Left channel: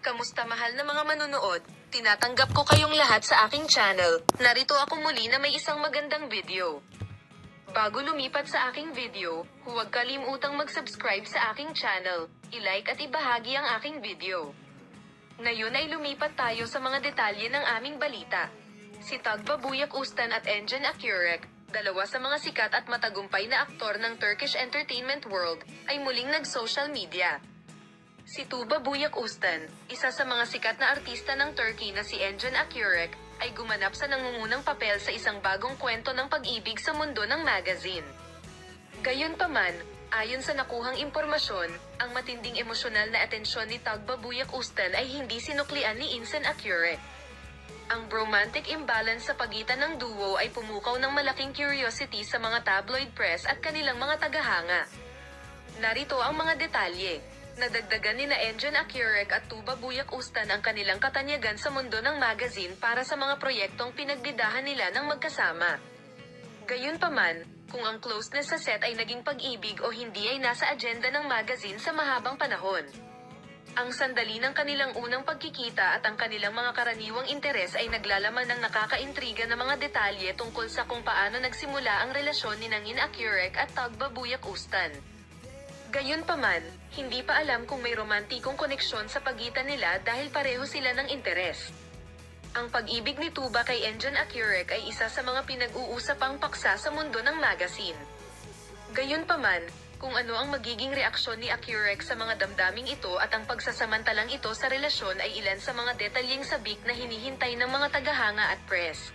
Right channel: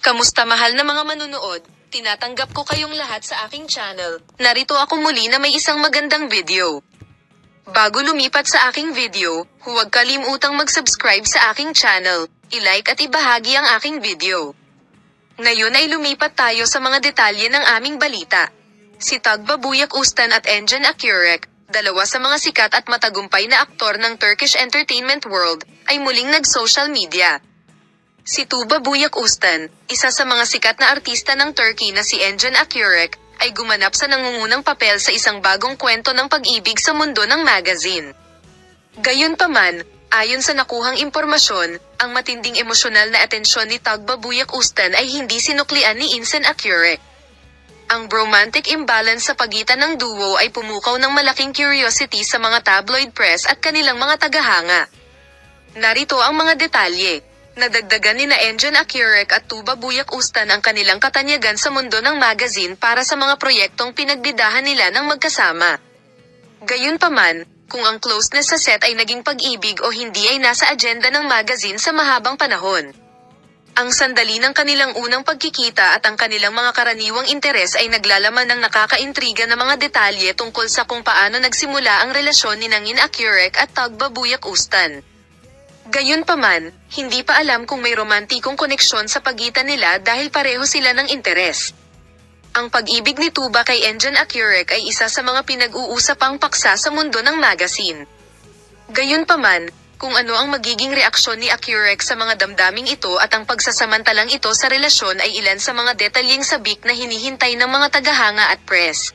Kamusta mahal na mga manunood? Tinatanggap ko kayong lahat sa aking channel. Narito ako muli na may isang magandang video. Bago lumipat sa aking video, huwag kalimutang mag-subscribe sa aking channel, i-like at ibahagi ang aking video. Ngayon ay lumipat tayo sa mga detalye ng aming balita. Si Tagbabuyak Ustan at Engin Akyurek, dalawa sa mga sikat at matagumpay na aktor ng Turkish entertainment world, ay muling nag-social media. Si Tugbabuyak Ustan, isa sa mga sikat na artista ng Turkey na si Engin Akyurek, ay gumanap sa nangungunang papel sa isang bagong kwento ng pag-ibig sa mundo ng magazine. Gayunpaman, ayon sa nakuhang impormasyon, ang matinding emosyonal na atensyon ni Tugbabuyak Ustan ay hindi sinuklian ni Engin Akyurek. Ang romantic imbalance sa pagitan ng duo ay pumukaw ng malaking curiosity sa mga tabloid press at kanilang mga tagahanga. Narito ang mga detalye. Nadagdagan ni Engin Akyurek at Tugbabuyak Ustan ang kanilang katanyagan sa mundo ng magazine para sa mga proyektong pinagbidahan nila ng magkasama. Gayunpaman, kung ang closeness sa set ay naging pag-ibig o hindi ay nasa agenda ng magazine sa mahabang panahon. Ang sandali ng kanilang unang pagkikita at ang kanilang mga karaniwang interes ay naglalaman ng nakakaintriga na mga detalye tungkol sa kung paano nagsimula ang relasyon ni Engin Akyurek at Tugbabuyak Ustan. Gayunpaman, hindi pa alam kung may romantikong koneksyon sa pagitan nila dahil pareho sila ng interes. Ang pag-ibig ni Tuba kay Engin Akyurek ay isa sa mga pinag-uusapang paksa sa mundo ng magazine. Gayunpaman, kung ano ang magiging reaksyon ni Akyurek sa mga damdaming ito at ang pagsasamantalang ito sa relasyon ay ilan sa mga detalyeng sabik na hinihintay ng mga tagahanga at press.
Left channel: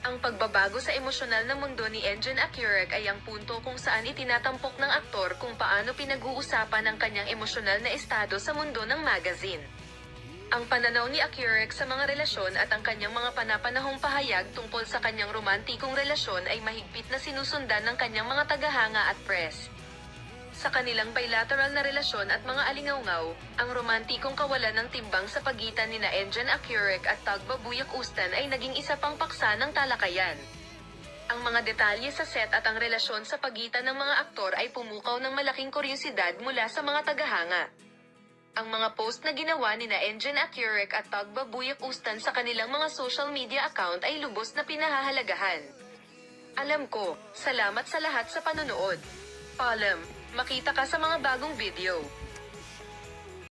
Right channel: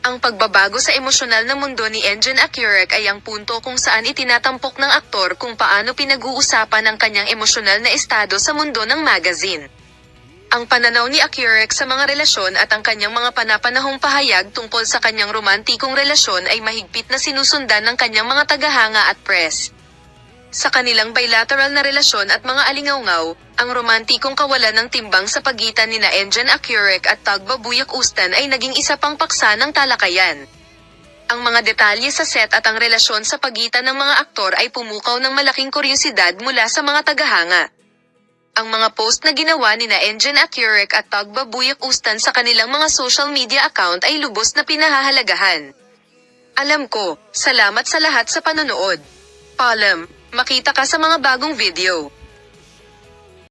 Ang pagbabago sa emosyonal na mundo ni Engin Akyurek ay ang punto kung saan itinatampok ng aktor kung paano pinag-uusapan ang kanyang emosyonal na estado sa mundo ng magazine. Ang pananaw ni Akyurek sa mga relasyon at ang kanyang mga panapanahong pahayag tungkol sa kanyang romantikong relasyon ay mahigpit na sinusundan ng kanyang mga tagahanga at press. Sa kanilang bilateral na relasyon at mga alingawngaw, ang romantikong kawalan ng timbang sa pagitan ni Engin Akyurek at Tugbabuyak Ustan ay naging isa pang paksa ng talakayan. Ang mga detalye sa set at ang relasyon sa pagitan ng mga aktor ay pumukaw ng malaking kuryosidad mula sa mga tagahanga. Ang mga post na ginawa ni Engin Akyurek at Tugbabuyak Ustan sa kanilang mga social media account ay lubos na pinahahalagahan. Alam ko, salamat sa lahat sa panonood. Paalam, makita ka sa mga bagong video.